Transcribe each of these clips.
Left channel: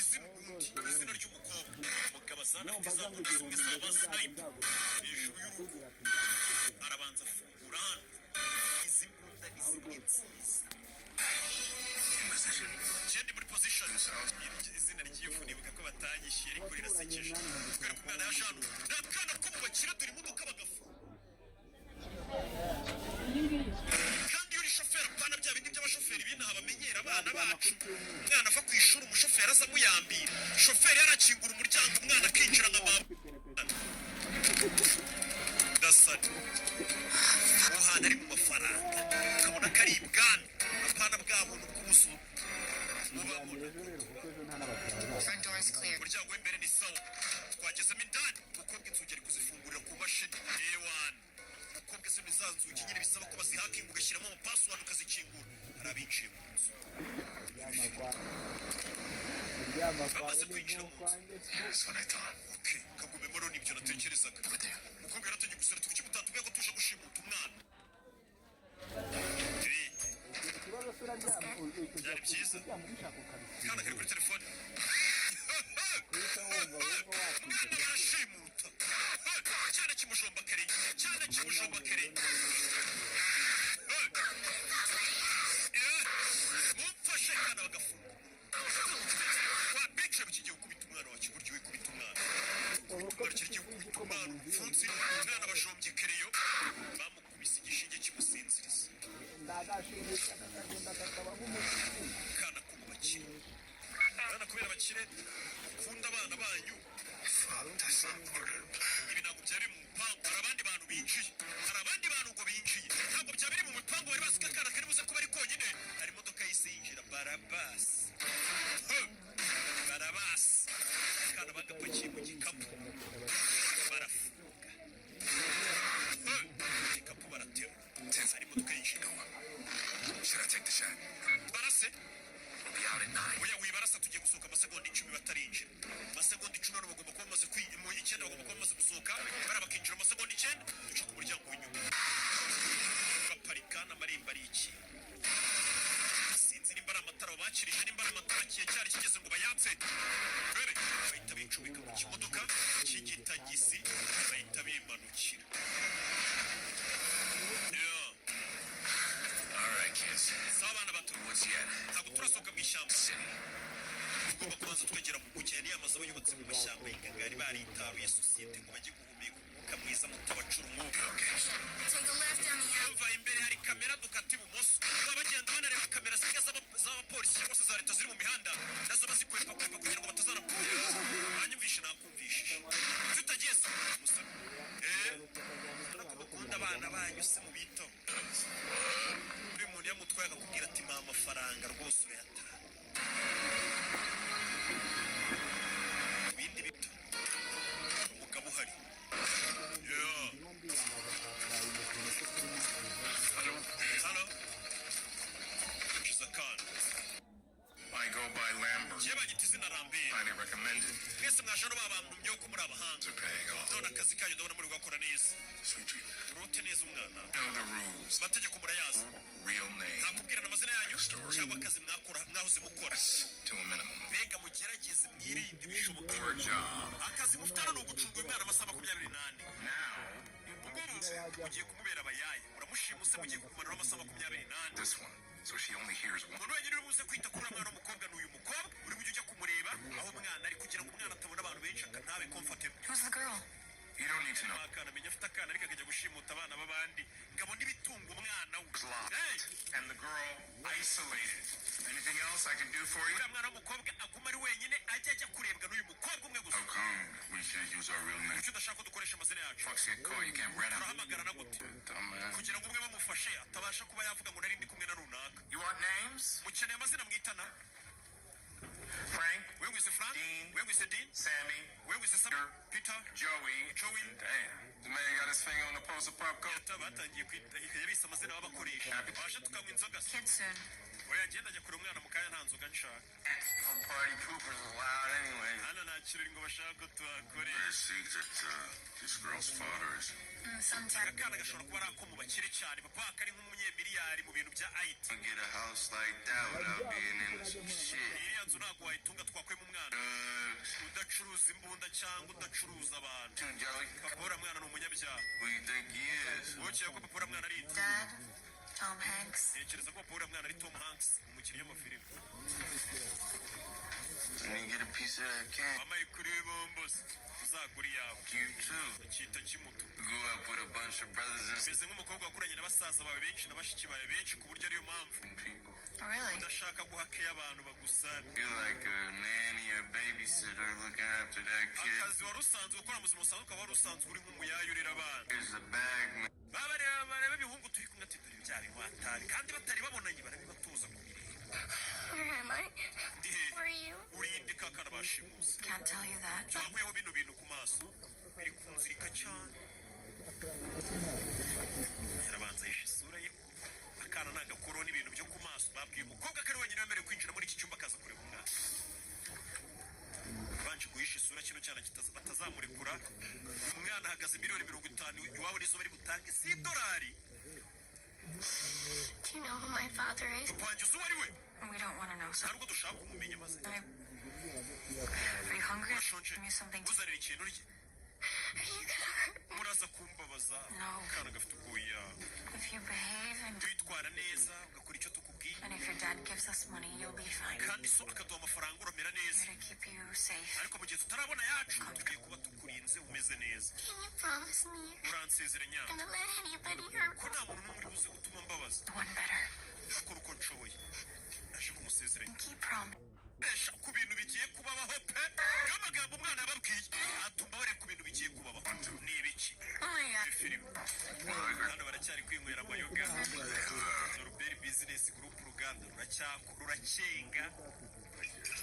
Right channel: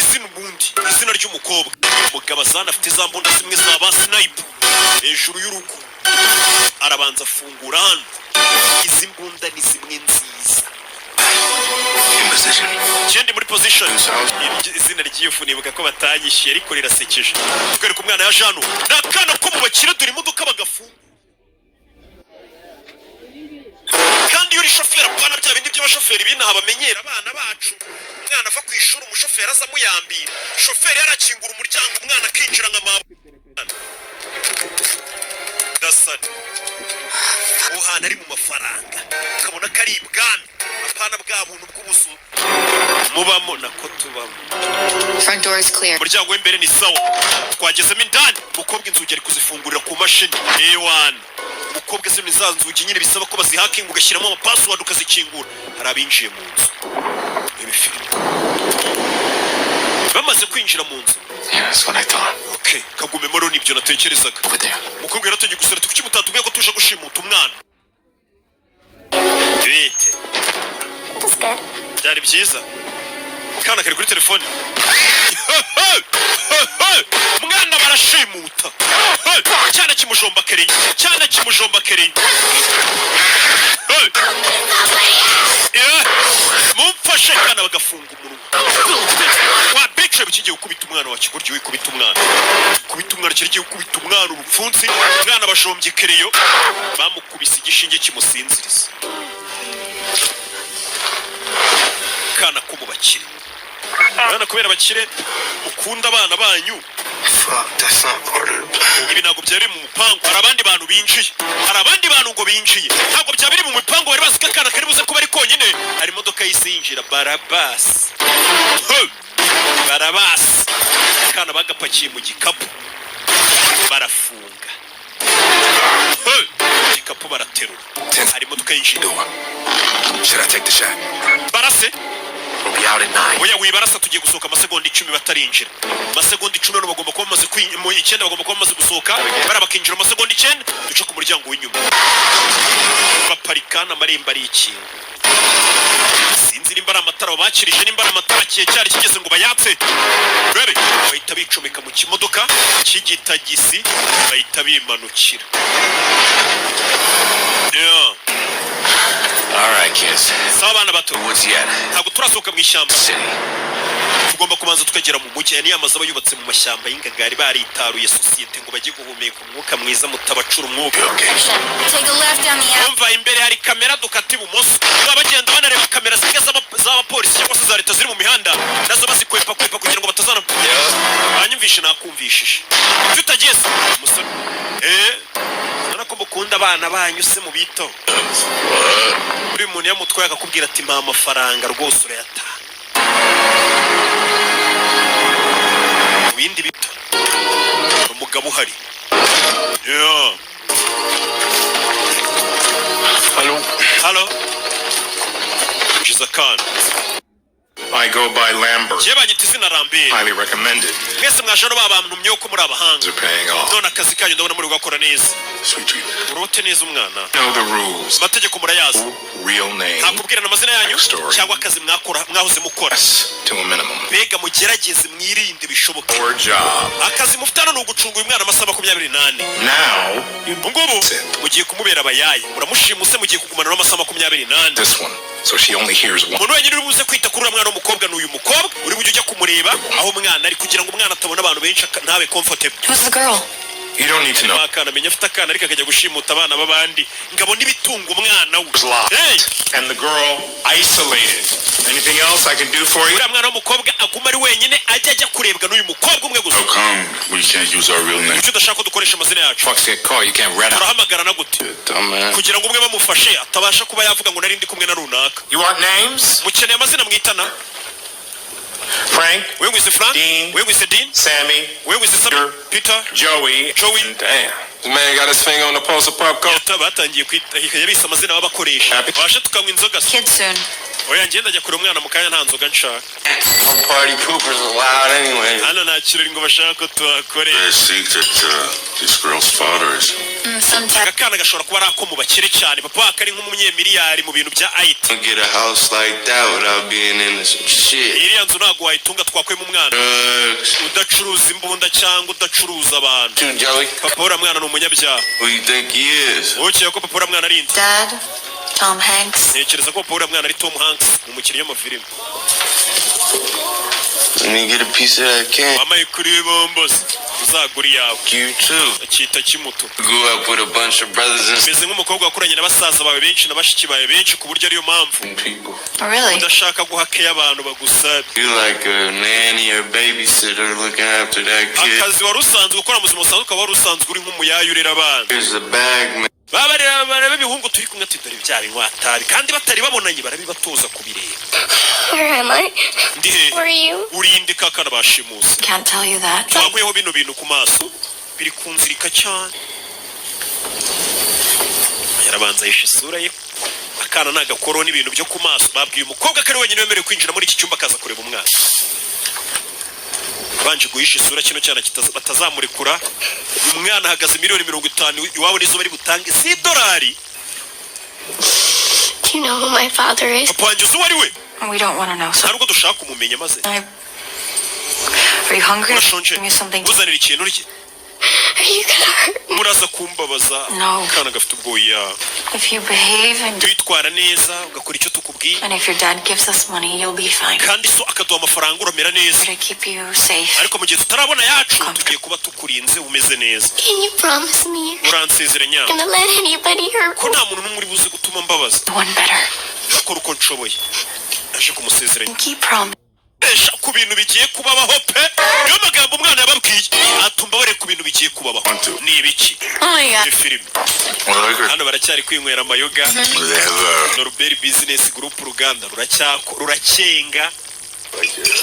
izina ubundi izina ry'umukobwa umugabo azana afite za mbunda zimwe za ba sniper hejuru y'urugo arabanza afungura hano izi mbunda ni zimwe nziza Jendi muri position izina ry'ifu nibuka ko batanyishiye ariko rirasekeje twereka umwana ya Jano nakana ko mu bakire duri imodoka bagafu kandi yuri shoferi apana bya bindi by'abashoferi binaha bamenyera abana bacu umwana ava ku ishuri umushoferi aza muyambira shoferi yarakingura umuryango umwana akinjira nka mama dasani uhana ari mu mafaranga ukabona ko ari ibwami apana bwa buntu bw'ubuzu mubamo nako tubamo front door is clear umuryango w'imbere ni sawa twagezemo indani umukobwa inzugi ari kuzifungurira ku mashini A1 umukobwa zino za nzugi nyine bisaba ko bazihakinga ugashyiramo amapassword ukazikingura hari abinjiye mu nzu bamaze kwinjira mu nzu That's what I thought. Okay, kagume moro nibyo natekerezaga umukobwa yarategeye gusara tukuki mutatubwiye ko tuje gushimuta umwana bite byari byiza kana kari kuri telefone umwana barashimuta cyane kimujomba kereye mumfashe kana bagafunga umunwa wa picture bikigiye gukubita umwana wa kigoryi wikubita umwana kigiye gukubita umwana urupfunsi umwana bajombye kereyo bamukubise igishinge kimusinziriza kana ko mu bakire abana kubera bakire ukunda abana banyu ibi ntabwo byari mu mupango hari abandi bantu binjiye ngo binjiye ntabwo byabiri mu mupango bari bazi ko akana kari buze kuba ari konyine hari imodoka yise yinjira barabasi akana bagapakiye mu gikapu barafunga igikapu baraterura hari imodoka yinjira barase oya wibarasa tugiye gusohoka amasegonda 10 batarinjira amasegonda 10 no bagomba kuba bamaze mu 9 bagomba kuba bamaze gusohoka barabakinjira amasegonda 9 duce ku muryango w'inyuma baparikana amarembo ari ikintu sinzi nimba ari amatara bakirije nimba ari amatara cyari kigeze ngo bayatse rebe bahita bicomeka mu kimodoka cy'igitagisi bahita bimanukira All right, kids. Sabana bato. What's yet? Ntabwo turasohoka mu ishyamba. Tugomba kubanza tukagera mu mujyi ni amazu abayubatse mu mashyamba y'ingagari baritaruye societe ngo bajye guhumeka umwuka mwiza mutabacura umwuka. take a left down the alley Umva imbere hari kamera dukati bumoso. Abagenda banareba kamera z'abapolisi cyangwa se za leta ziri mu mihanda nazo bazikwepa kugira ngo batazana. Banyumvishe nakumvishije. Tutageze musore. Ko mukunda abana banyu se mu bito uri umuntu yamutwaye akakubwira ati mpa amafaranga rwose urayata ibindi bito umugabo uhari Hello Jizakan I go by Lambert. Highly recommended. Mwese mwajano babamtu myoko muri abahanga. They're paying off. None akazi kanyu ndabona muri gukora neza. Sweet treatment. Urote neza umwana. Know the rules. Amategeko murayazi. Real name. Nakubwira amazina yanyu cyangwa akazi mwahoze mukora. To a minimum. Bega mugerageze mwirinde bishoboka. Our job. Akazi mufitana no gucunga uyu mwana amasaha 28. Now, ngubu mugiye kumubera abayaye. Muramushimuse mugiye kugumana n'amasaha 28. This one. So she only hears one. Umuntu wenyine uri buze kwita kuri umwana w'umukobwa n'uyu mukobwa uri bujye kumureba aho umwana ari kugira ngo umwana atabona abantu benshi ntabe comfortable. Who's the girl? You don't need to know. Akana menya afite akana ariko akajya gushimuta abana babandi ngabo nibitunga umwana we. Hey! And the girl isolated. Anything else I can do for you? Uriya mwana w'umukobwa aguma ari wenyine ajya kurebwa n'uyu mukobwa umwe gusa. How come we can't use our real name? Icyo udashaka dukoresha amazina yacu. Fuck that call, you can't red out. Urahamagara na gute? Kugira ngo umwe bamufashe atabasha kuba yavuga ngo nari ndi kumwe na runaka. You want names? Mukeneye amazina mwitana. Frank, we with the Frank, Dean, we with the Dean, Sammy, we with the Sammy, Peter, Joey. Damn, this man got his finger on the pulse of pop culture. Batangiye kwita yabise amazina babakoresha. Bashe tukamwa inzoga. Kid soon. oya ngenda ajya kure umwana mu kanya nta nzoga nshaka. No party poopers allowed anyway. Hano nta kirori ngo bashaka ko tuhakore. I think that this girl's father is. Sometimes. Akana gashobora kuba ari ako mu bakire cyane papa kari nk'umunyemiliyari mu bintu bya IT. Get a house like that without being into some shit. Iriya nzu ntabwo wayitunga twakwemo umwana Drugs. udacuruza imbunda cyangwa udacuruza abantu. Too, Joey. Papa uriya mwana ni umunyabyaha. Who you think he is? Ukeka ko papa uriya mwana ari inde? Dad, Tom Hanks. Ntekereza ko papa uriya mwana ari Tom Hanks umukinnyi w'amafilime. Let me get a piece of that can. Wamaye kuri bombos uzagura iyawe. You too. Akita kimuto. Grew up with a bunch of brothers and Meze nk'umukobwa wakuranye na basaza bawe benshi na bashiki bawe benshi ku buryo ariyo mpamvu people. Oh, really? udashaka guhakeya abantu bagusabye. You like a nanny or babysitter looking after that kid. Akazi wari usanzwe ukora mu buzima busanzwe ukaba wari usanzwe uri nk'umuyayu urera abana. Here's the bag, man. bareba ibihungu turi kumwe ati dore bya binywatabi kandi batari babonanye barabibatoza kubireba. Where am I? Ndi he? Where are you? Urinde kakana bashimusi. Can't tell you that. Twakuyeho bino bintu ku maso biri kunzirika cyane. Yarabanza yishe isura ye. Akana nagakoro n'ibintu byo ku maso babwiye umukobwa kari wenyine wemerewe kwinjira muri iki cyumba akaza kureba umwana. Banje guhisha isura kino cyana batazamurekura. Umwana ahagaze $50,000 iwabo nizo bari butange $10. Do you know who my father is? Papa wanjye uzi uwo ari we? We don't want to know. So, Ntabwo dushaka kumumenya maze. are you hungry? Urashonje? Give me something. Uzanira ikintu urye. Are you gonna hurt me? Muraza kumbabaza. No. Kana gafite ubwoya. If you behave and Twitwara neza ugakora icyo tukubwiye. and if your dad gives us money, you'll be fine. Kandi so akaduha amafaranga uramera neza. To keep you safe. Ariko mu gihe tutarabona yacu tugiye kuba tukurinze umeze neza. Can you promise me Uransezera nya. you're gonna let anybody hurt Ko nta muntu n'umwe uri buze gutuma mbabaza. one better? Akora uko nshoboye. Aje kumusezeranya. Keep promise. Esha ku bintu bigiye kubabaho pe. Niyo magambo umwana yababwiye. Atumba bare ku bintu bigiye kubabaho. Ni ibiki? Oh my Ni god. filime. Hano baracyari kwinywera amayoga. Norbert Business Group uruganda ruracyenga.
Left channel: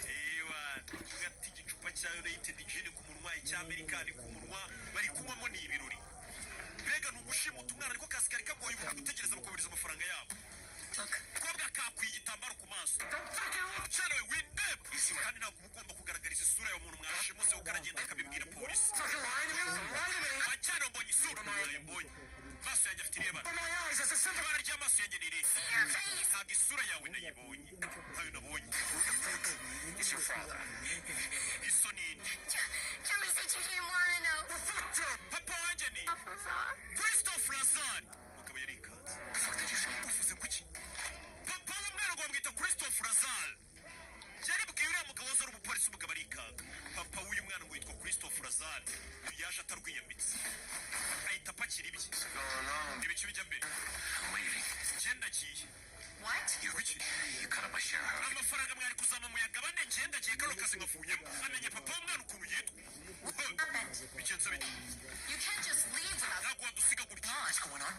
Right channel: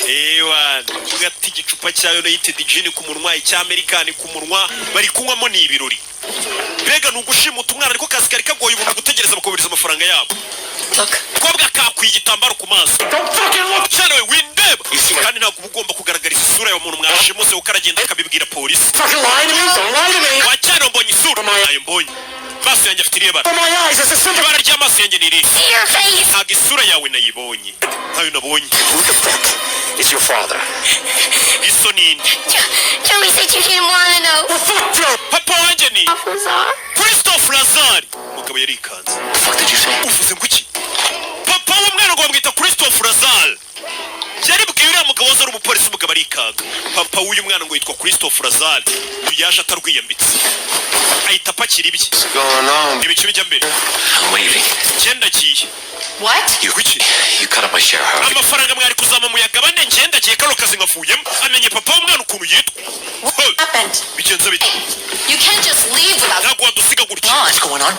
Ewa, ugati igicupa cya United Gin ku munwa icy'Amerikani ku munwa bari kunywamo ni ibirori. Mbega nugushimuta umwana ariko kazi kari kagoye umuntu gutegereza bakubiriza amafaranga yabo. Look. Kobwa kakwiye igitambaro ku maso. Cyane we windeba. Kandi ntabwo ugomba kugaragariza isura y'umuntu mwashimuse ukaragenda akabibwira polisi. Wacyane mbonye isura. Ayo mbonye. Maso yanjye afite ireba. Ibara ry'amaso yanjye ni iri. See your face. Ntabwo isura yawe nayibonye. Ntayo nabonye. Who the fuck is your father? Iso nini? Joey said you didn't want to know. Papa wanjye ni Lazar. Christophe Lazare. Umugabo yarikanze. The fuck did you say? Uvuze ngo iki? Papa w'umwana ngo bamwita Christophe Lazare. Yaribwiye uriya mugabo wazari umupolisi umugabo arikanga. Papa w'uyu mwana ngo yitwa Christophe Lazare. Yaje atarwiyambitse. Ahita apakira ibye. What's going on? Ibice bijya mbere. I'm leaving. Ngenda giye. What? You cut up my share, Harvey. Amafaranga mwari kuzama muyagabane ngenda giye kano kazi ngafuyemo. Amenye papa w'umwana ukuntu yitwa. Happened? Bigenze bite? You can't just leave without. Ntabwo wadusiga gutya. What's going on?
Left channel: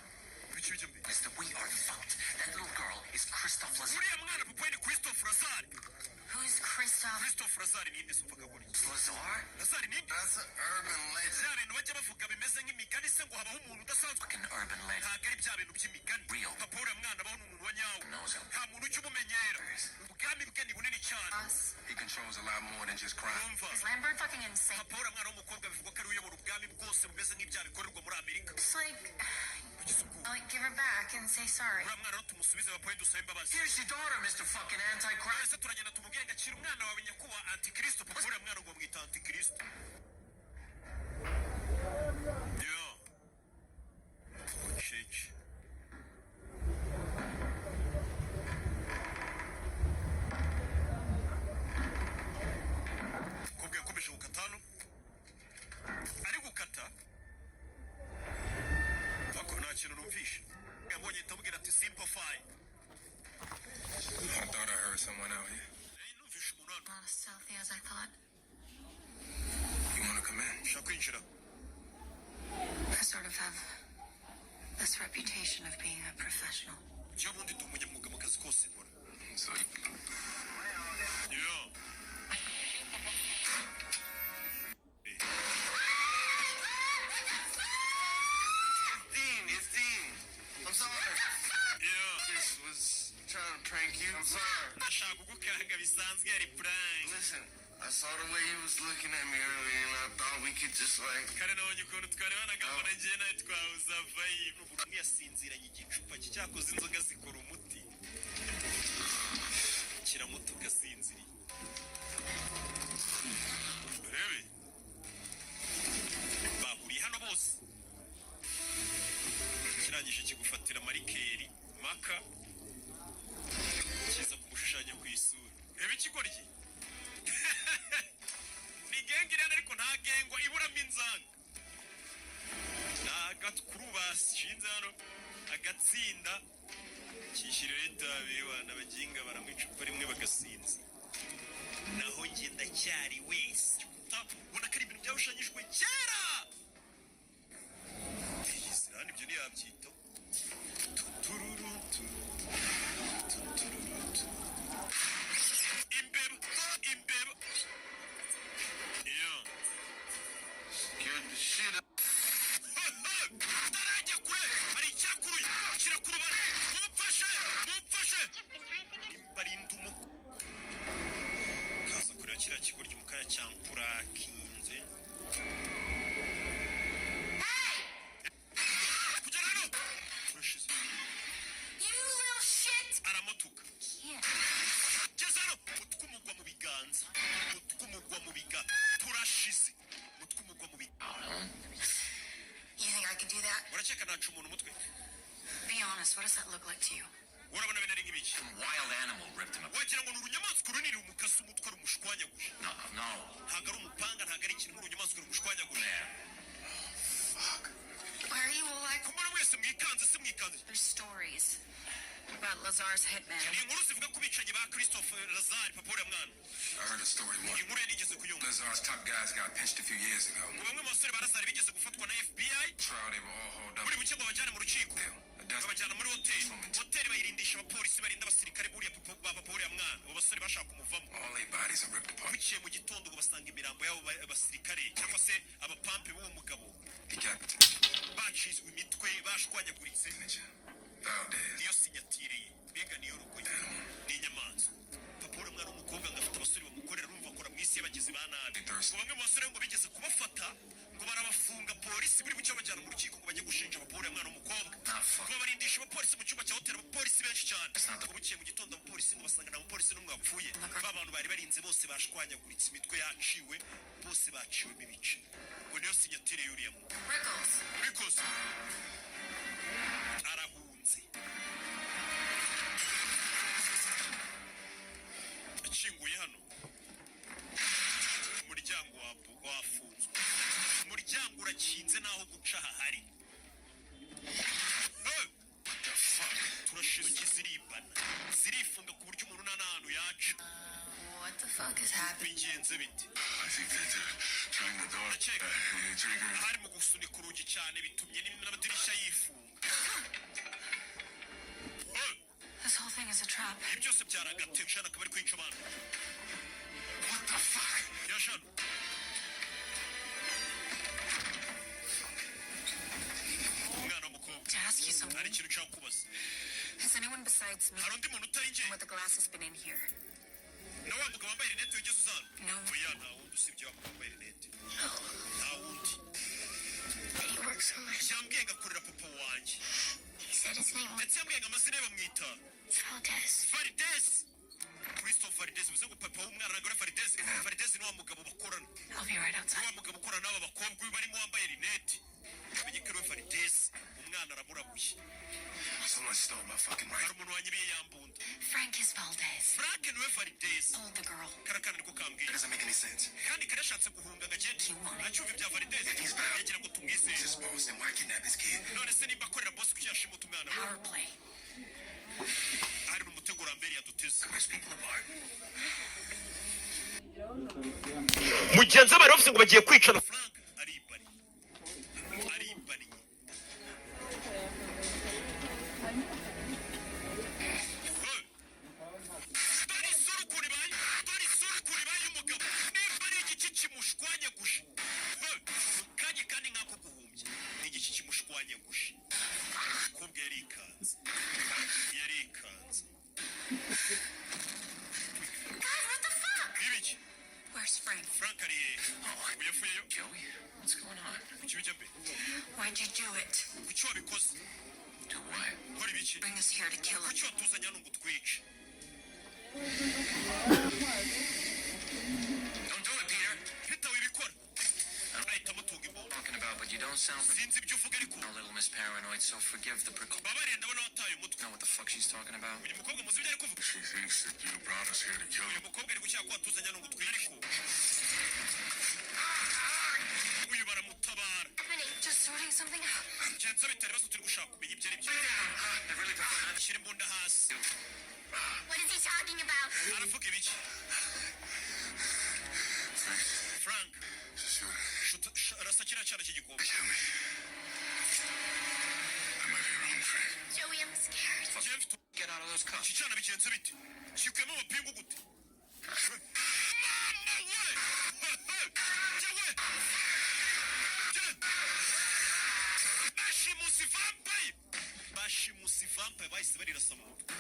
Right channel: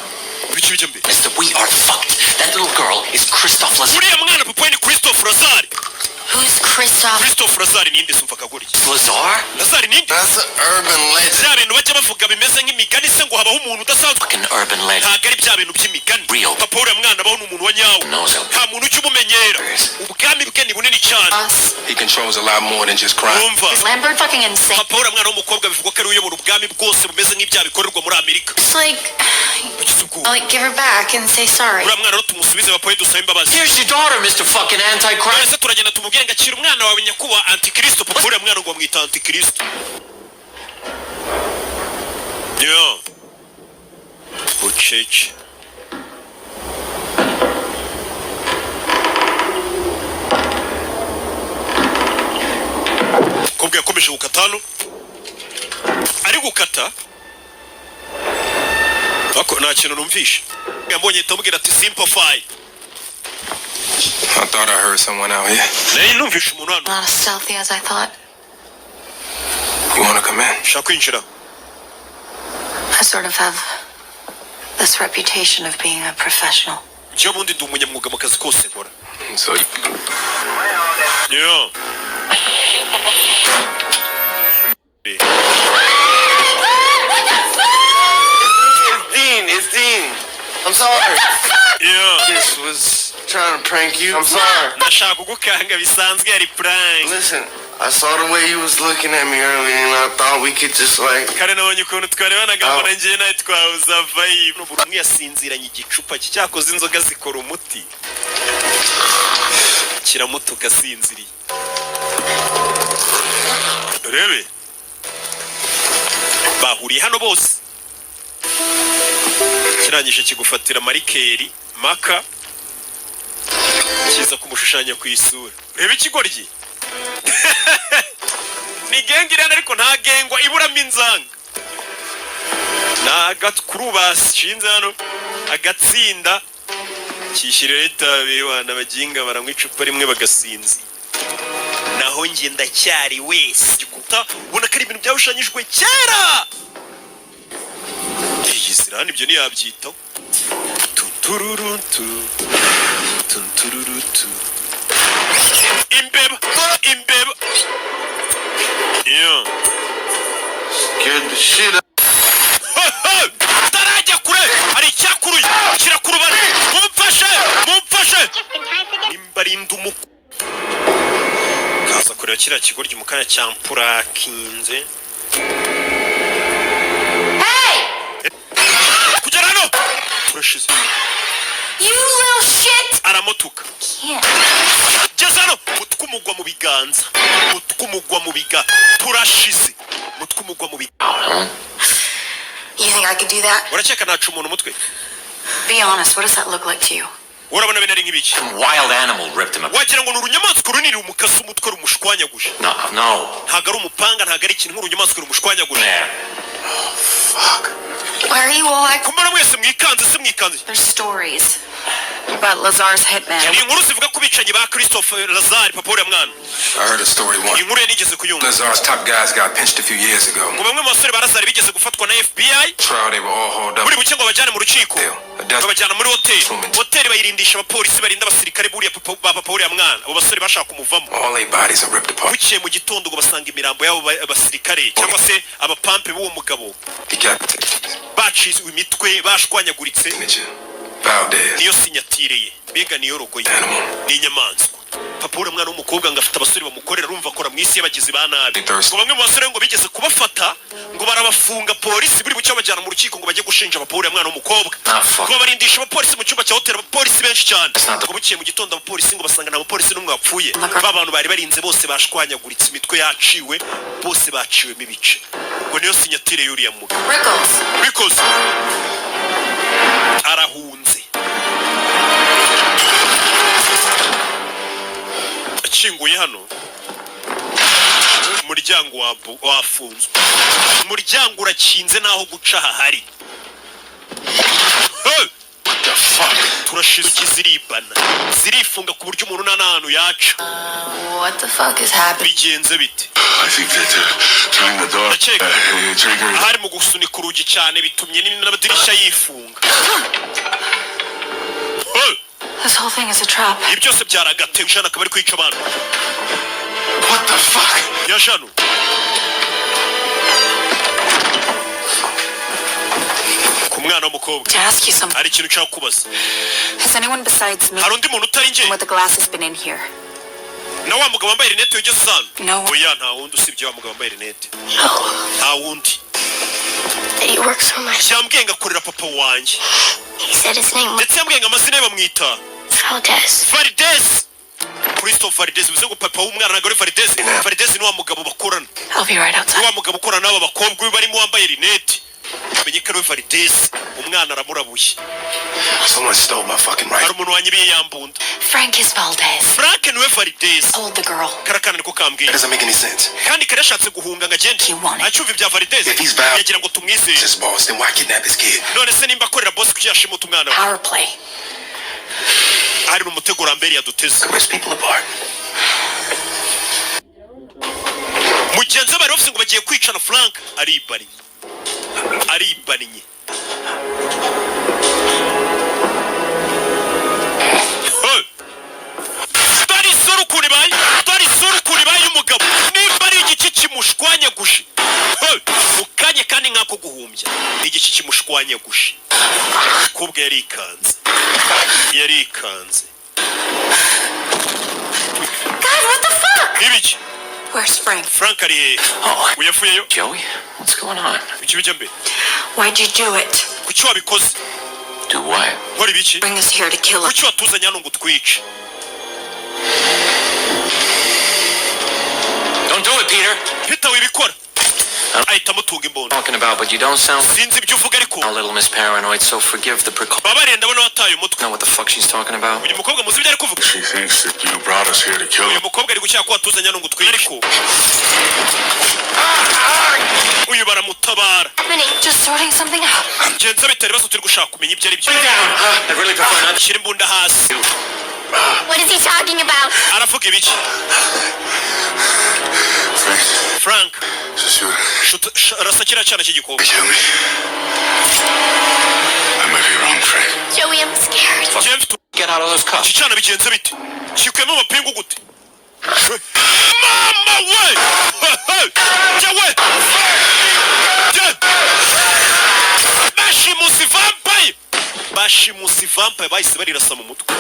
Ibice bijya mbere. Mister, we are fucked. That little girl is Christophe Lazar. Uriya mwana papa we ni Christophe Lazare. Who's Christophe? Christophe Lazare ninde sumva kaguri? Lazar? Lazare ninde? That's an urban legend. Bya bintu bajya bavuga bimeze nk'imigani se ngo habaho umuntu udasanzwe. Fucking urban legend. Ntabwo ari bya bintu by'imigani. Real. Papa uriya mwana abaho ni umuntu wa nyawo. Knows him. Nta muntu ujya umumenyera. Ubwami bwe ni bunini cyane. Us. He controls a lot more than just crime. Wumva? Is Lambert fucking insane? Papa uriya mwana w'umukobwa bivugwa ko ari uyobora ubwami bwose bumeze nk'ibyaha bikorerwa muri Amerika. It's like, Ugize ubwoba. like, give her back and say sorry. Uriya mwana rero tumusubize papa we dusabe imbabazi. Here's your daughter, Mr. Fucking Antichrist. Ese turagenda tumubwire ngo akira umwana wawe nyakuba Antikristo. Papa uriya mwana ngo bamwita Antikristo. Yo. Bucece. Kobwa yakomeje gukata hano. Ari gukata. Bako nta kintu numvishe. Yambonye tamubwira ati simplify. I thought I heard someone out here. Nari numvishe umuntu hano. Not as stealthy as I thought. You want to come in? Shaka kwinjira. I sort of have this reputation of being a professional. Njye bundi ndi umunyamwuga mu kazi kose nkora. So you... Yo. It's Dean. I'm sorry. Yeah. This was trying to prank you. I'm sorry. Ndashaka kugukanga bisanzwe yari prank. Listen, I saw the way you was looking at me earlier, and I thought we could just like. Kare nabonye ukuntu twarebanaga mbona njye nawe twahuza vibe. Buri umwe yasinziranye igicupa cyakoze inzoga zikora umuti. Kiramuto gasinziriye. Rebe. Bahuriye hano bose. Kirangije kigufatira marikeri, maka. Kiza kumushushanya ku isura. Rebe ikigoryi. Ni gengi irana ariko nta gengwa iburamo inzanga. N'agatkuru bashinze hano agatsinda kishyirira itabi wana baginga baranywa icupa rimwe bagasinzi. Naho njye ndacyari wese gikuta ubona ko ari ibintu byawushanyijwe kera. Iyi sirani ibyo ntiyabyitaho. Tutururutu tutururutu imbeba imbeba. Yeah. Scared the shit out. Tarajya kure hari icyakuruye kirakurubana. Mumfashe imbarinda umuku kaza kureba kiriya kigoryi mu kanya cyampura kinze. Kugera hano turashize. You little shit! Aramutuka. Can't. Geza hano mutwe umugwa mu biganza. Mutwe umugwa mu biga turashize. Mutwe umugwa mu biga. You think I could do that? Uraceka nacu umuntu umutwe. Be honest, what does that look like to you? Urabona bene ari nk'ibiki. Some wild animal ripped him up. Wagira ngo n'urunyamaswa runini umukasi umutwe rumushwanyaguje. No. Ntago ari umupanga ntago ari ikintu nk'urunyamaswa rumushwanyaguje. There. Fuck. Why are you all like... Kumara mwese mwikanze se mwikanze. There's stories about Lazar's hitman. Ni inkuru zivuga ku bicanyi ba Christophe Lazare papa uriya mwana. I heard a story once. Inkuru yanigeze kuyumva. Lazar's top guys got pinched a few years ago. Ngo bamwe mu basore ba Lazare bigeze gufatwa na FBI. Trial, they were all hauled up. Buri buke ngo bajyane mu rukiko. Babajyana muri hoteli. Hoteli bayirindisha abapolisi barinda abasirikare buriya papa uriya mwana. Abo basore bashaka kumuvamo. All their bodies are ripped apart. Bukiye mu gitondo ngo basanga imirambo y'abo basirikare cyangwa se abapampe b'uwo mugabo. Decapitated. Bacizwe imitwe bashwanyaguritse. Signature. Valdez. Niyo sinyatire ye. Mbega niyo rogo ye. Ni inyamaswa. Papa uriya mwana w'umukobwa ngo afite abasore bamukorera urumva akora mu isi y'abagizi ba nabi. Ngo bamwe mu basore ngo bigeze kubafata ngo barabafunga polisi buri bucyo bajyana mu rukiko ngo bajye gushinja papa uriya mwana w'umukobwa. Ngo barindisha abapolisi mu cyumba cya hoteli abapolisi benshi cyane. Ngo bukiye mu gitondo abapolisi ngo basanga nta bapolisi n'umwe wapfuye. Ba bantu bari barinze bose bashwanyaguritse imitwe yaciwe bose baciwemo ibice. Ngo niyo sinyatire y'uriya mugabo. Rickles arahunze. Akinguye hano umuryango wafunzwe. Umuryango urakinze naho guca hahari. What the fuck? Turashize ziribana. Zirifunga ku buryo umuntu n'ahantu yaca. What the fuck is happening? Bigenze bite? I think that turning the door triggered. Hari mu gusunika urugi cyane bitumye n'amadirishya yifunga. This whole thing is a trap. Ibi byose byaragatewe cyane akaba ari kwica abantu. What the fuck? Ya Jano. Ku mwana w'umukobwa. To ask you something. Hari ikintu nshaka kubaza. Has anyone besides me Hari undi muntu utari njye? with the glasses been in here? Na wa mugabo wambaye rinete wigeze usanga? No. Oya nta wundi usibye wa mugabo wambaye rinete. Nta wundi. He works for my. Yambwiye ngakorera papa wanjye. He said his name was Ndetse yambwiye ngo amazina ye bamwita Valdez. Valdez. Christophe Valdez bivuze ngo papa w'umwana nagore Valdez. Valdez ni wa mugabo bakorana. I'll be right outside. Wa mugabo ukorana n'aba bakobwa barimo wambaye rinete. Amenye ko ari Valdez. Umwana aramurabuye. Someone stole my fucking Hari rifle. umuntu wanyibiye yambunda. Frank is Valdez. Frank niwe Valdez. Told the girl. Karakana niko kambwiye. That doesn't make any sense. Kandi kare yashatse guhunga ngo agende. He wanted. Acyumva ibya Valdez. If he's Val- yagira ngo tumwizere. This boss, then why kidnap his kid? None se nimba akorera boss kuki yashimuta umwana we? Power play. Hari n'umutego rambere yaduteze. Rip people apart. Mugenzi bari bafite ngo bagiye kwicana Frank aribanye. Dore isura bayi y'umugabo. Nimba ari igiki kimushwanyaguje. Mukanye kandi nkako guhumbya. Igiki kimushwanyaguje. Kubwe yarikanze. Ibiki. Where's Frank? Frank ari Oh, uyavuyeyo. Joey? What's going on? Iki bijya mbe. Why'd you do it? Kuki wabikoze? Do what? Nkora ibiki? Bring us here to kill him. Kuki watuzanye hano ngo utwice? Don't do it, Peter. Peter wibikora. Ahita amutunga imbunda. Talking about, but you don't sound Sinzi ibyo uvuga ariko. a little Miss Paranoid, so forgive the precaution. Babariye ndabona wataye umutwe. Know what the fuck she's talking about? Uyu mukobwa muzi ibyo ari kuvuga. She thinks that you brought us here to kill Uyu him. mukobwa ari gushyira ko watuzanye hano ngo utwice ariko. Uyu baramutabara. Just sorting something out. Genza bitari baso turi gushaka kumenya ibyo ari byo. I really prefer not. Shyira imbunda hasi. What is he talking about? Aravuga ibiki? Frank. Just Rasa kiriya cyana cy'igikobwa. kill me. I might be wrong, Frank. Joey, I'm scared. Jeff, Get out of those cuffs. iki cyana bigenze bite? Kikuyemo amapingu gute? Mama we! Jewe! Bashimusi vampire! Bashimusi vampire bahise barirasa mu mutwe.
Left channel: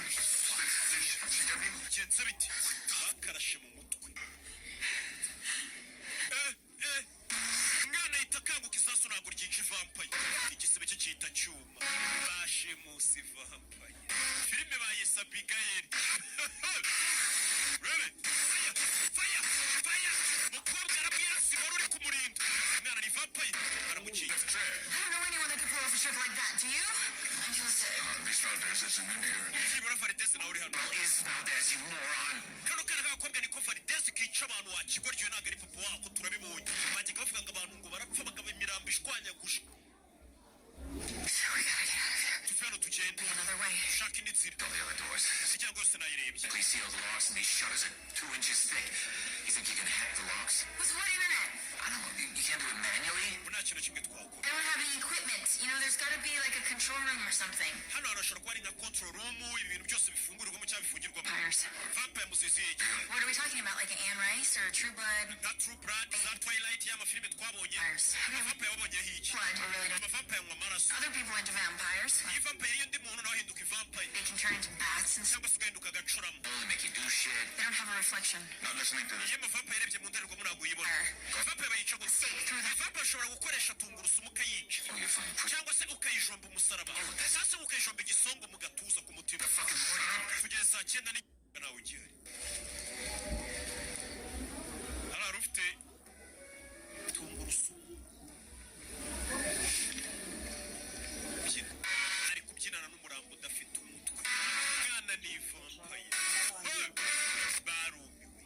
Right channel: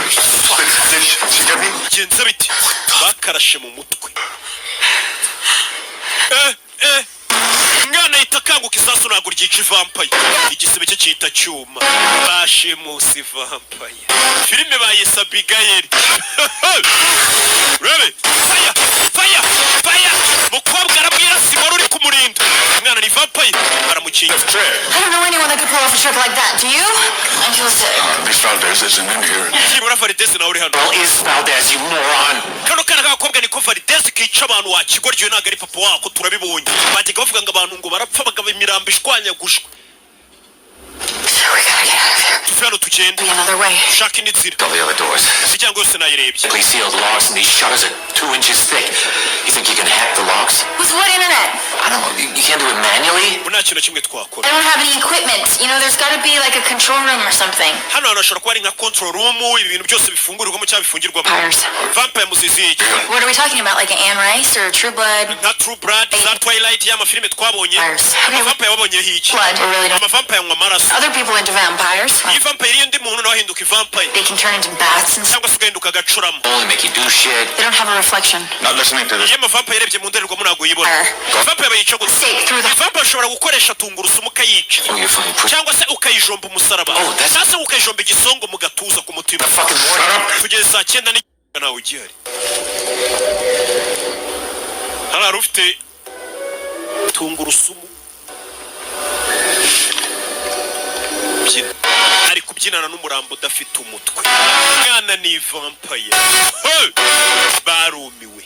Did she get me? Bigenze bite? Bakarashe mu mutwe. Umwana ahita akanguka isasu ntabwo ryica vampire. Igisebe cye cyita cyuma. Bashimusi vampire. Filime bayise Abigail. Rebe! Fire! Fire! Fire! Mukobwa arabwira Simon uri kumurinda. Umwana ni vampire. Baramukinga. I don't know anyone that could pull off a trick like that. Do you? I feel sick. Miss Valdez isn't in here. Nibura Valdez nawe uri hano. Well, is Valdez, you moron. Kano kana k'agakobwa niko Valdez kica abantu wakigoryo ntabwo ari papa wako turabibonye. Bajyaga bavuga ngo abantu ngo barapfa bagaba imirambo ishwanyagushwe. We gotta get out of here. Tuve hano tugende. Another way. Ushake indi nzira. All the other doors. Imiryango yose nayirebye. Please sealed locks, and these shutters are 2 inches thick. You think you can hack the locks? With what internet? I don't know. You can't do it manually? Ubu nta kintu kimwe I twakora. don't have any equipment. You know, there's gotta be like a control room or something. Hano hantu hashobora kuba ari nka control room, ibintu byose bifungurirwamo cyangwa bifungirwamo. Vampires. Vampire muzizi iki? What are we talking about? Like an Anne Rice or True Blood? Nka True Blood, za Twilight y'amafilime twabonye. Vampires. Amavampire wabonyeho iki? Blood. We really don't. Amavampire anywa amaraso. Other people into vampires. Iyo vampire iriye undi muntu nawe ahinduka ivampire. They can turn into bats and stuff. Cyangwa se ugahinduka agacuramo. Only make you do shit. They don't have a reflection. Not listening to this. Iyo amavampire yarebye mu ndorerwamo ntabwo uyibona. Vampire bayica gusa. Stake through the. Vampire ushobora gukoresha tungurusumu ukayica. Oh, you're fucking push. Cyangwa se ukayijomba umusaraba. Oh, that's- Sasa ukayijomba igisongo mu gatuza ku mutima. Fucking morning. Tugeze saa 9 n'igice nawe ugihari. Hari ufite tungurusumu. Byina. Ari kubyinana n'umurambo udafite umutwe. Umwana ni vampire. Hey! Barumiwe.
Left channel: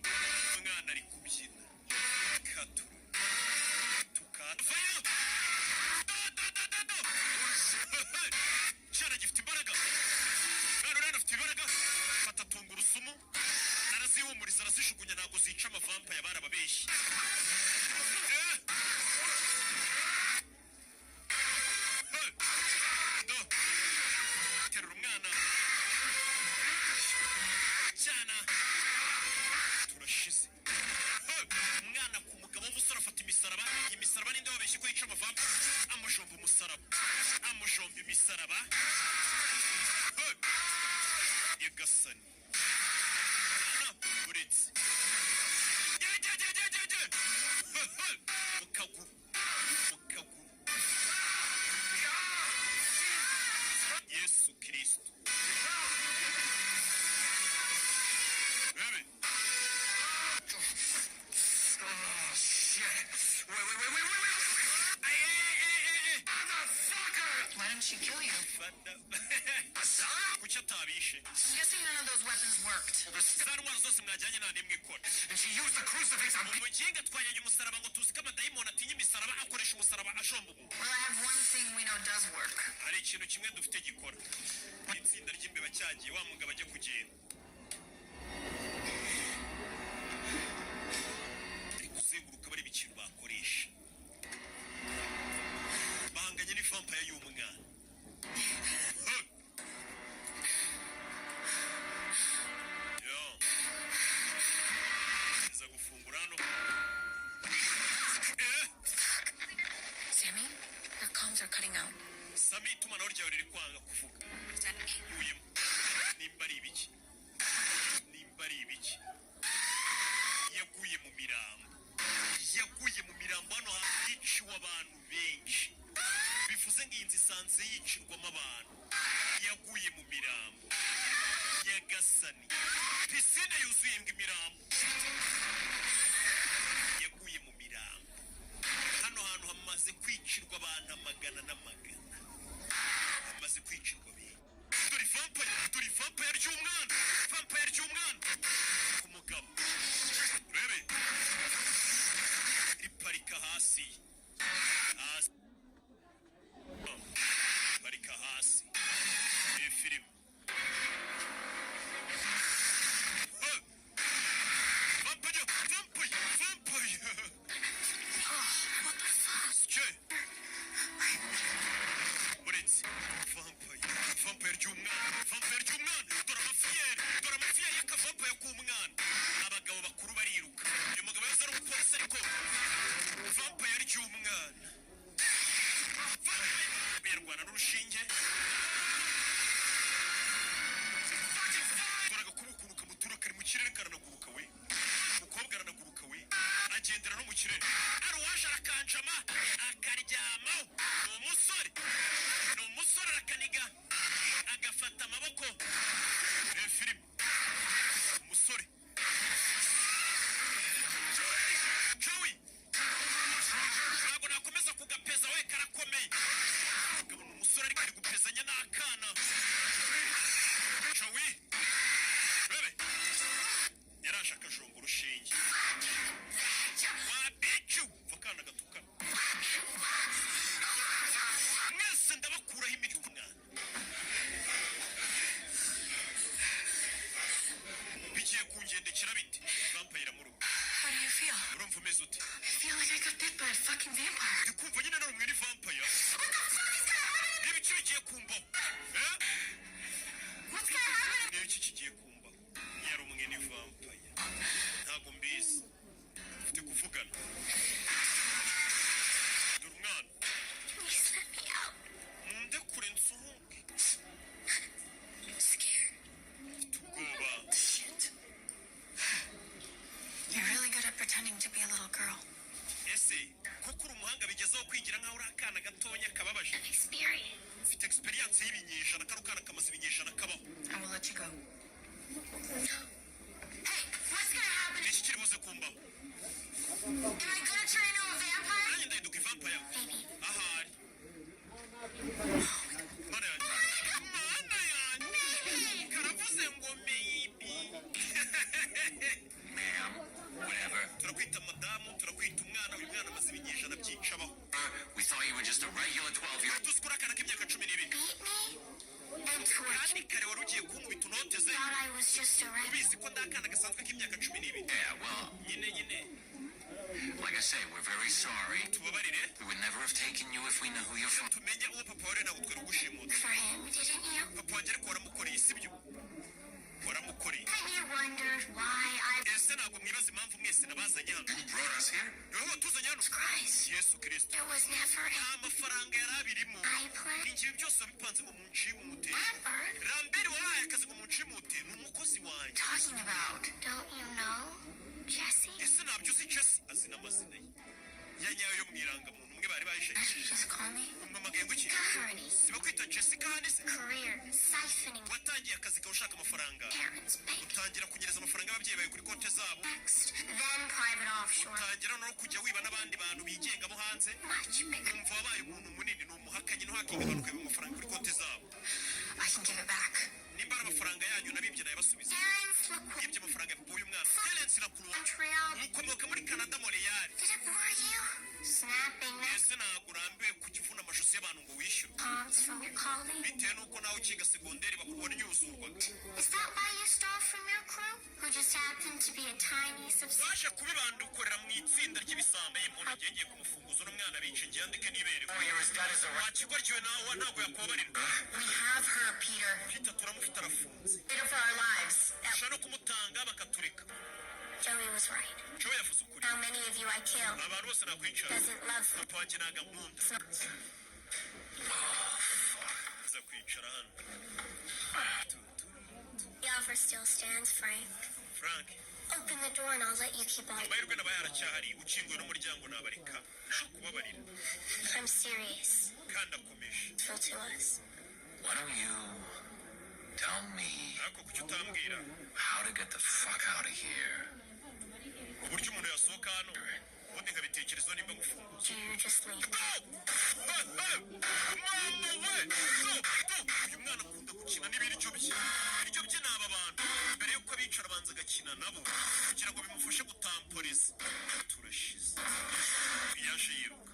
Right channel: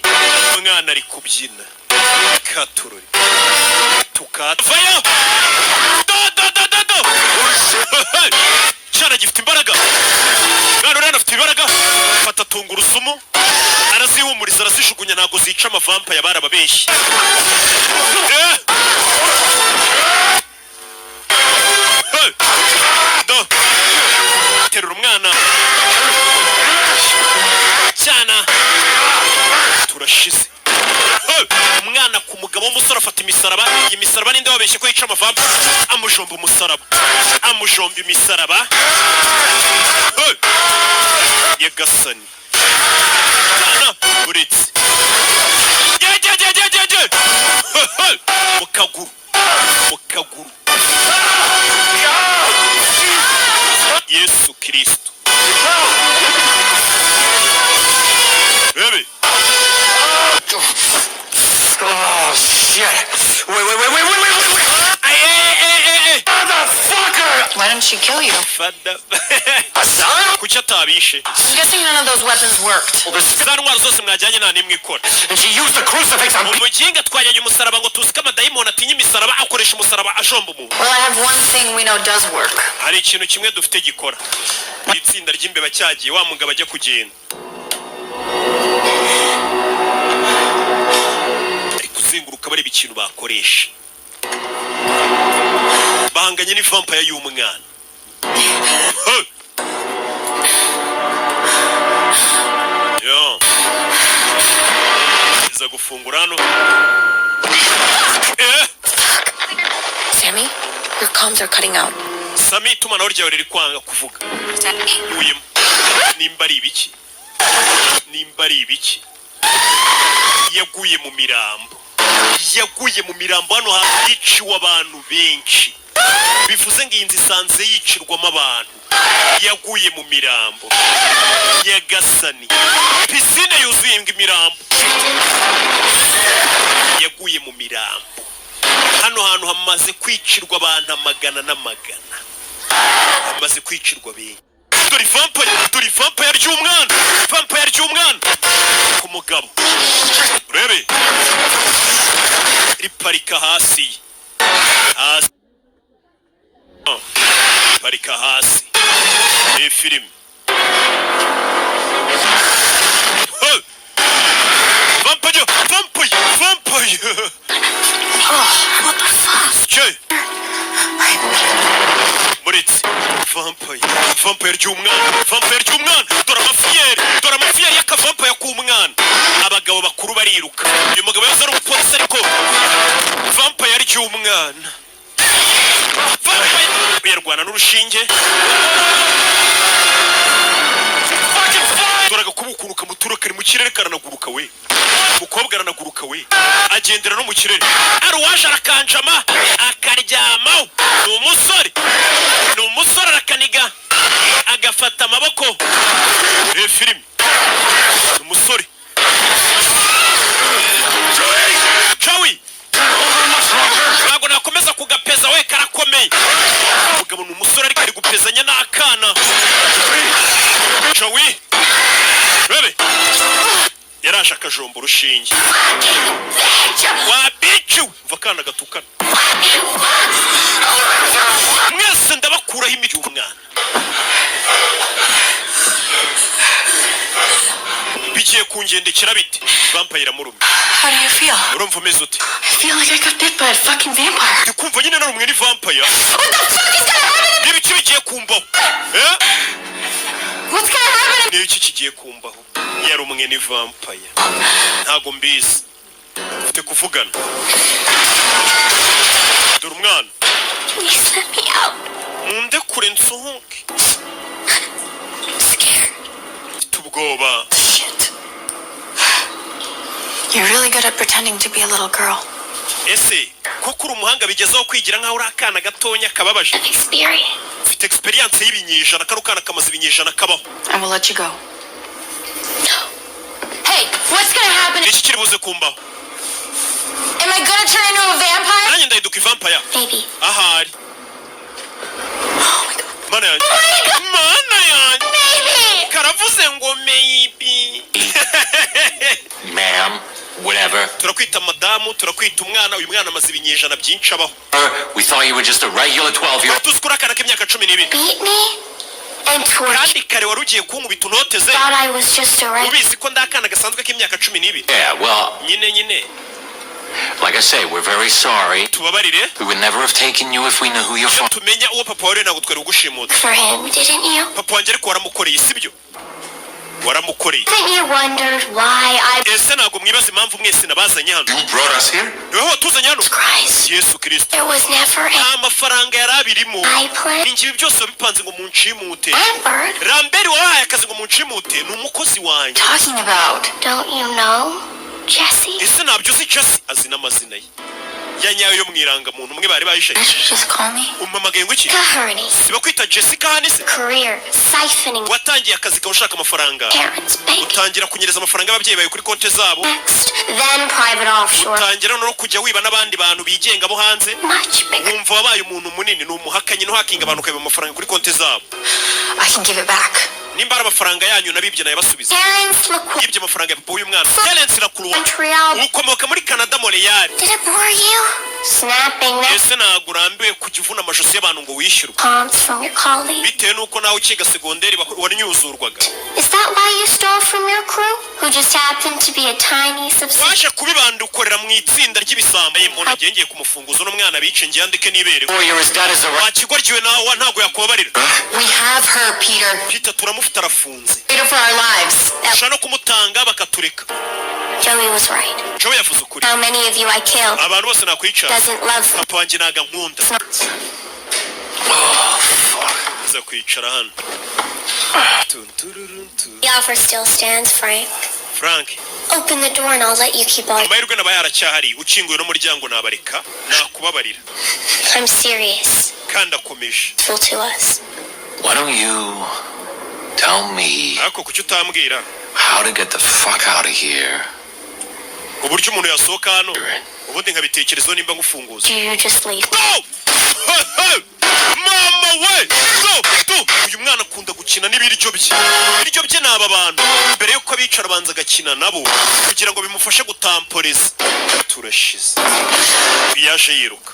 Umwana ari kubyina. Katurori. Tukatvayo. Do. Cyana gifite imbaraga. Mwana urana afite imbaraga. Fata tungurusumu. Arazihumuriza arazishugunya ntabwo zica amavampire barababeshye. Do. Terura umwana. Cyana. Turashize. Umwana ku mugabo w'umusore afata imisaraba. Iyi misaraba ninde wabeshye ko yica amavampire? Amujomba umusaraba. Amujomba imisaraba. Yagasani. Cyana uretse. Mu kaguru. Mu kaguru. Yesu Kristo. Rebe. Oh, shit. Wait. Hey. Motherfucker! Why didn't she kill you? Fada. Son? Kuki atabishe? I'm guessing none of those weapons worked. Za ntwaro zose mwajyanye nta n'imwe ikora. And she used the crucifix on me. Umuginga twajyanye umusaraba ngo tuzi ko amadayimoni atinya imisaraba akoresha umusaraba ajomba umuntu. Well, I have one thing we know does work. Hari ikintu kimwe dufite gikora. Itsinda ry'imbeba cyagiye wa mugabo ajya kugenda. Ari kuzenguruka bareba ikintu bakoresha. Bahanganye ni vampire y'umwana. Yo. Iza gufungura hano. Sammy, your comms are cutting out. Sami itumanaho ryawe riri kwanga kuvuga. Yuyemo. Nimba ari ibiki? yaguye mu mirambo hano hantu hiciwe abantu benshi bivuze ngo iyi nzu isanze yicirwamo abantu yaguye mu mirambo Nyagasani pisine yuzuye imirambo yaguye mu mirambo hano hantu hamaze kwicirwa abantu amagana n'amagana hamaze kwicirwa benshi dore vampire ry'umwana ku mugabo urebe riparika hasi parika hasi iyi filime vampire What the fuck? Muritsi vampire ry'umwana dore amafiyeri y'akavampire k'umwana abagabo bakuru bariruka uyu mugabo yaza ari umupolisi ariko vampire ry'umwana uyarwana n'urushinge dore agakubukuruka mutura kari mu kirere karanaguruka we umukobwa aranaguruka we agendera no mu kirere ari uwaje arakanjama akaryamaho ni umusore arakaniga agafata amaboko filime ni umusore Joey ntabwo nakomeza kugapeza we karakomeye umugabo ni umusore ariko ari gupezanya n'akana Joey bebe yaraje akajomba urushinge wabiciwe mva akana gatukana mwese ndabakuraho imiti y'umwana bigiye kungendekera bite vampire iramurumye How do you feel? urumva umeze ute I feel like I got bit by a fucking vampire. ndikumva nyine narumwe ni vampire What the fuck is gonna happen? n'ibiki bigiye kumbaho What's gonna happen? n'ibiki kigiye kumbaho yarumwe ni vampire ntago mbizi ufite kuvugana dore umwana Please let me out. munde kure nsohoke I'm scared. mfite ubwoba Shit. You're really good at pretending to be a little girl. ese koko uri umuhanga bigezaho kwigira nk'aho uri akana gatonya kababaje Experience. ufite experience y'ibinyejana kano kana kamaze ibinyejana kabaho I will let you go. Hey, what's gonna happen? niki kiri buze kumbaho Am I gonna turn into a vampire? nanjye ndahinduka ivampire Maybe. ahari mana yanjye Maybe. karavuze ngo maybe Ma'am, whatever. turakwita madamu turakwita umwana uyu mwana amaze ibinyejana byinshi abaho We thought you were just a regular 12-year-old. tuzi ko uri akana k'imyaka 12 Beat me and torture. kandi kare wari ugiye kunkubita unoteze Thought I was just a regular. ubizi ko ndi akana gasanzwe k'imyaka 12 Yeah, well, nyine like I say, we're very sorry. tubabarire We would never have taken you if we knew who you're iyo from. tumenya uwo papa wari ntabwo twari ugushimuta For him, didn't you? papa wanjye ariko waramukoreye sibyo waramukoreye Haven't you wondered why I ese ntabwo mwibaza impamvu mwese nabazanye hano You brought us here? niwe watuzanye hano Christ? yesu kirisito There was never nta mafaranga yari abirimo I planned. ingibi byose wabipanze ngo munshimute Lambert, ramberi wabahaye akazi ngo munshimute ni umukozi wanjye Talking about. don't you know? Jesse? ese ntabyo uzi jasi azi n'amazina ye ya nyayo yo mu irangamuntu umwe bari bahishaye Did you just call me? umamagaye ngo iki Kaherney. siba kwita jessica hano se Career. Siphoning watangiye akazi kawe ushaka amafaranga parents' bank. utangira kunyereza amafaranga y'ababyeyi bawe kuri konti zabo Next, then private offshore. utangira no kujya wiba n'abandi bantu bigenga bo hanze Much bigger. wumva wabaye umuntu munini ni umuhakanyi ntuhakinga abantu ukaiba amafaranga kuri konti zabo I can give it back. nimba ari amafaranga yanyu nabibye nayabasubiza Parents, look what. yibye amafaranga ya papa w'uyu mwana Terence na kuruwa Montreal. ukomoka muri Canada Montreal Did it bore you? Snapping that ese ntabwo urambiwe kujya uvuna amajosi y'abantu ngo wishyurwe palms from your colleague. bitewe n'uko nawe ukiga segonderi wanyuzurwaga Is that why you stole from your crew? Who just happened to be a tiny subsidiary? waje kubibanda ukorera mu itsinda ry'ibisambo umuntu agiye ngiye kumufunguza n'umwana bice ngiye andike nibere Boy, you're as dead as a rat. wakigoryiwe nawe ntabwo yakubabarira We have her, Peter. Peter turamufite arafunze Peter for our lives. ushaka no kumutanga bakatureka Joey was right. Joe yavuze ukuri How many of you I killed abantu bose nakwicara doesn't love them. papa wanjye ntago ankunda uza kwicara hano The offer still stands, Frank. Frank Open the door and I'll let you keep all. amahirwe nabaye aracyahari ukinguye n'umuryango nabareka nakubabarira I'm serious. kandi akomeje Full to us. Why don't you tell me ariko kuki utambwira how to get the fuck out of here? uburyo umuntu yasohoka hano ubundi nkabitekerezo nimba ngufunguza Do you just leave? Go! Mama we! Go! Uyu mwana akunda gukina n'ibiryo bye. Ibiryo bye ni aba bantu. Mbere yuko abicara banza agakina nabo kugira ngo bimufashe gutamporeza. Turashize. Yaje yiruka.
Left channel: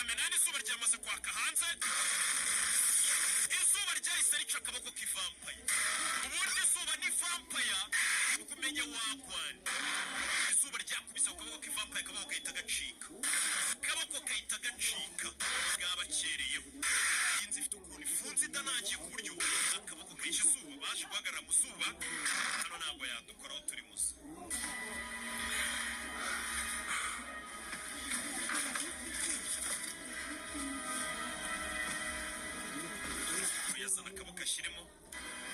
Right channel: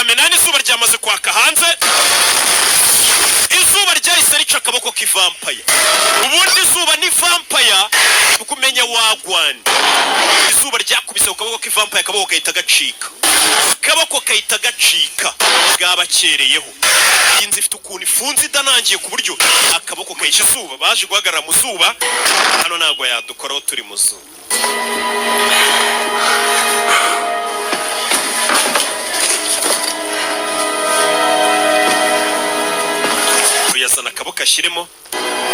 Amenano izuba ryamaze kwaka hanze. Izuba ryahise rica akaboko k'ivampaya. Ubundi izuba ni vampaya ukumenya wagwani. Izuba ryakubise ku kaboko k'ivampaya akaboko kahita gacika. Akaboko kahita gacika. Bwabakereyeho. Inzi ifite ukuntu ifunze idanangiye ku buryo akaboko kahisha izuba baje guhagarara mu zuba. Hano ntabwo yadukoraho turi mu zuba. Yazana akaboko ashyiremo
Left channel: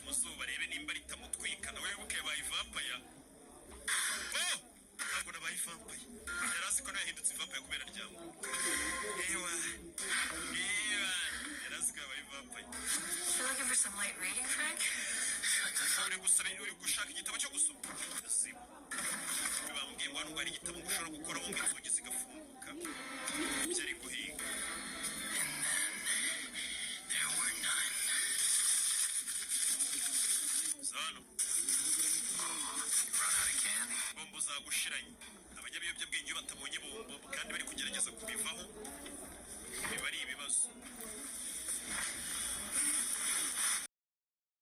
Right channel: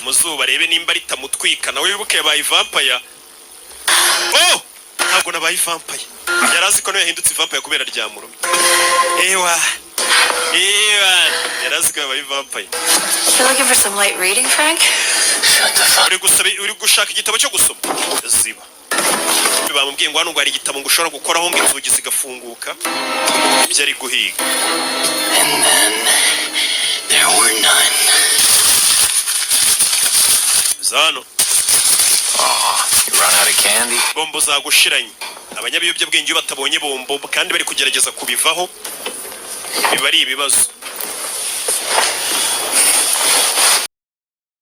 mu zuba arebe nimba ritamutwika nawe wibuke yabaye vampaya. Oh! Ntabwo nabaye vampaya. Yarazi ko yahindutse vampaya kubera ryamuro. Ewa. Yarazi ko yabaye vampaya. You looking for some light reading, Frank? Shut the fuck. Uri gushaka igitabo cyo gusoma. Ziba. Bamubwiye ngo hano ngo hari igitabo ngo ushobora gukoraho ngo inzugi zigafunguka. Ibyo ari guhiga. And then there were none. Zano. Oh, you run out of candy? Bombo zagushiranye. Abanyabiyobyabwenge batabonye bombo kandi bari kugerageza kubivaho. Biba ari ibibazo.